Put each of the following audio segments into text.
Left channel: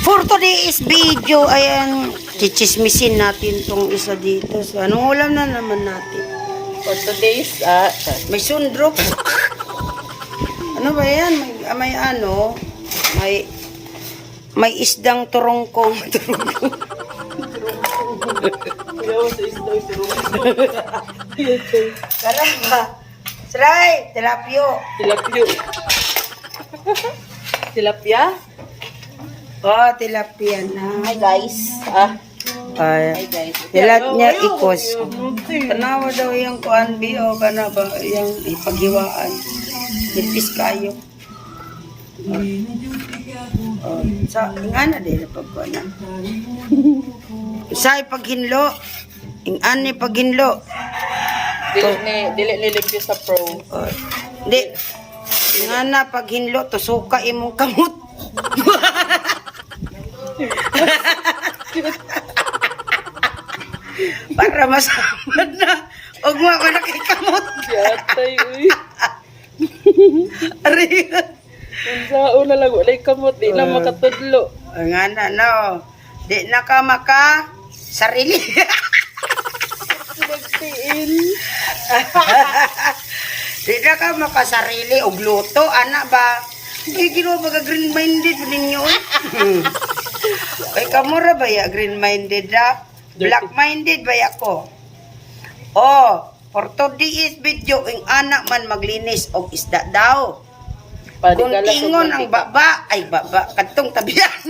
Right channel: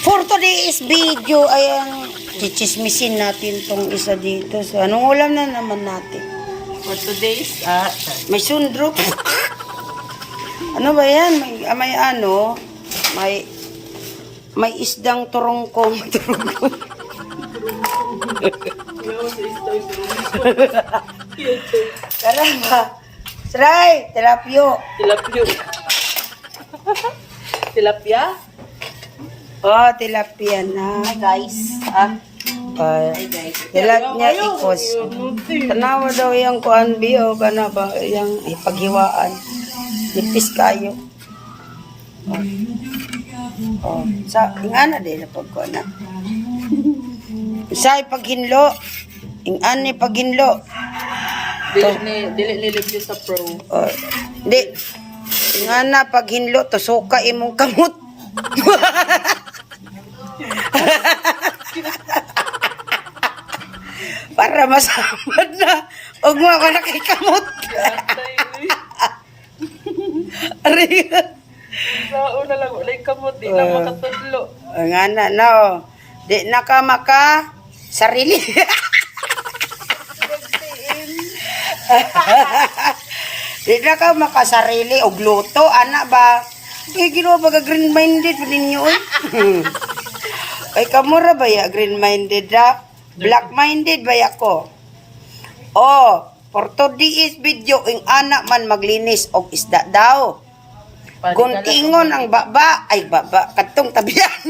For today's video, ayan, chichismisin natin tong isa dito. So, anong ulam na naman natin? For today's, May sundrop. Ano ba yan? May ano, may isdang turongkong. ayaw sa isda yung Karay ba? Saray, tilapio. tilapio. Tilapia? Oh, tilapia na. Hi guys. Ay, Guys. dilat niya ikos. Tanawa daw yung kuan biyo, kana ba yung ipaghiwaan. Nipis kayo. Oh, sa ingana din na pagkuan na. Sa ipaghinlo. Ingan ni paghinlo. Dili nilipyo sa pro. Oh, di. Ingana paghinlo to suka imong kamot. Para masamad na. Huwag mo ako nakikamot. Yatay, uy. Ari. Ang sao na lang, walay kamot, di na makatudlo. Ang ana na oh. Di na ka maka sarili. Nagtiin. Di na ka makasarili og luto. Ana ba? Ginawa ba green-minded ninyo? Kay kamura ba ya green-minded na? Black-minded ba ako? Oh, for today's video, ang anak man maglinis og isda daw. Guntingon ang baba. Ay, baba. Katong tabihan.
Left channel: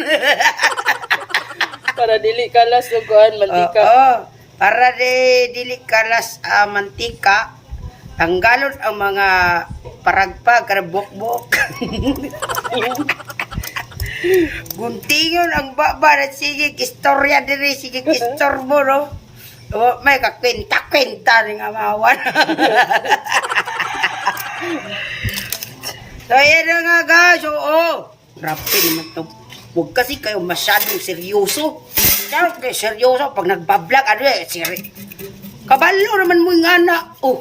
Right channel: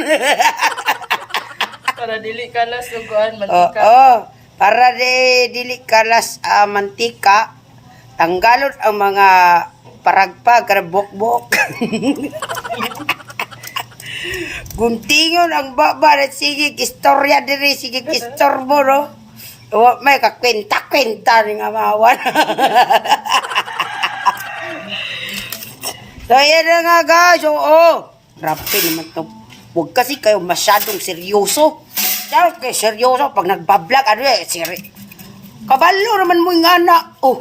Para dili kalas o kuan, mantika. Oo. Para dili kalas mantika, tanggalon ang mga paragpag, karabok-bok. Guntingon ang baba at sige, istorya diri, sige, istorbo, no? O, may kakwenta-kwenta rin nga mawan. So, yan na nga, guys. Oo. Grabe naman to. Huwag kasi kayo masyadong seryoso. Kaya kayo seryoso pag nagbablog, ano eh, kabalo naman mo yung anak. Oh.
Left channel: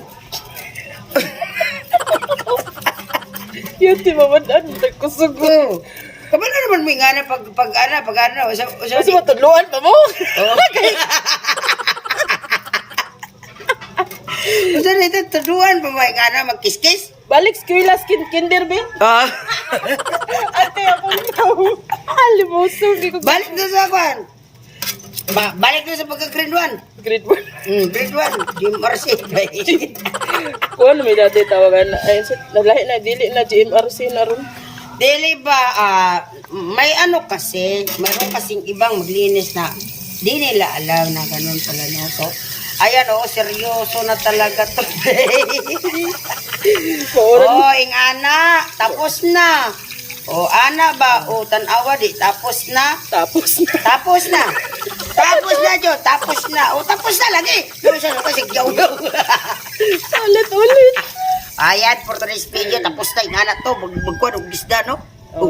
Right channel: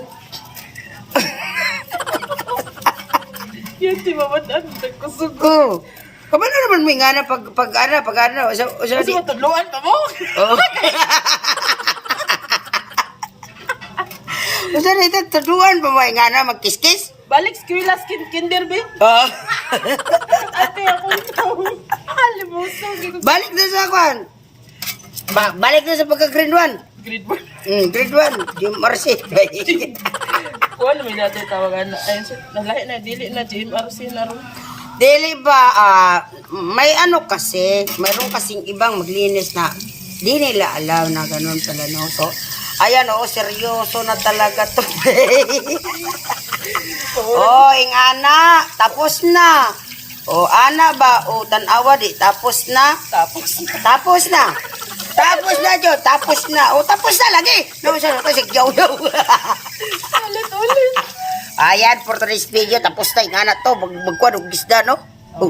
Yan, di mamadaan, nagkusog. Oh. Kabalo naman mo yung anak pag ano. Kasi matuluan pa mo. Oh. Kasi nito, tuduan pa mo yung anak magkiskis? Balik skwilas kinder, be. Oh. Ate, ako ito. Halimuso. Balik na sa kwan. Balik na sa pagka-grade 1. Grade 1. Grade 1. GMRC. Kuan, may dati tawagan. Ayun, nalahi na, dili na GMRC na rin. Dili ba, may ano kasi, mayroon kasing ibang maglinis na di nila alam na ganun pala, no? So, ayan, seryoso na talaga to. Oh, ing ana, tapos na. Oh, ana ba? Oh, tanawa di, tapos na. Tapos na. Tapos na. Tapos na, Jo. Tapos na. Oh, tapos na lagi. Naman siya kasi yaw-yaw. Ulit. Ayan, for today's video, tapos na. Ingana to. Magkuhan og gisda, no? Oh.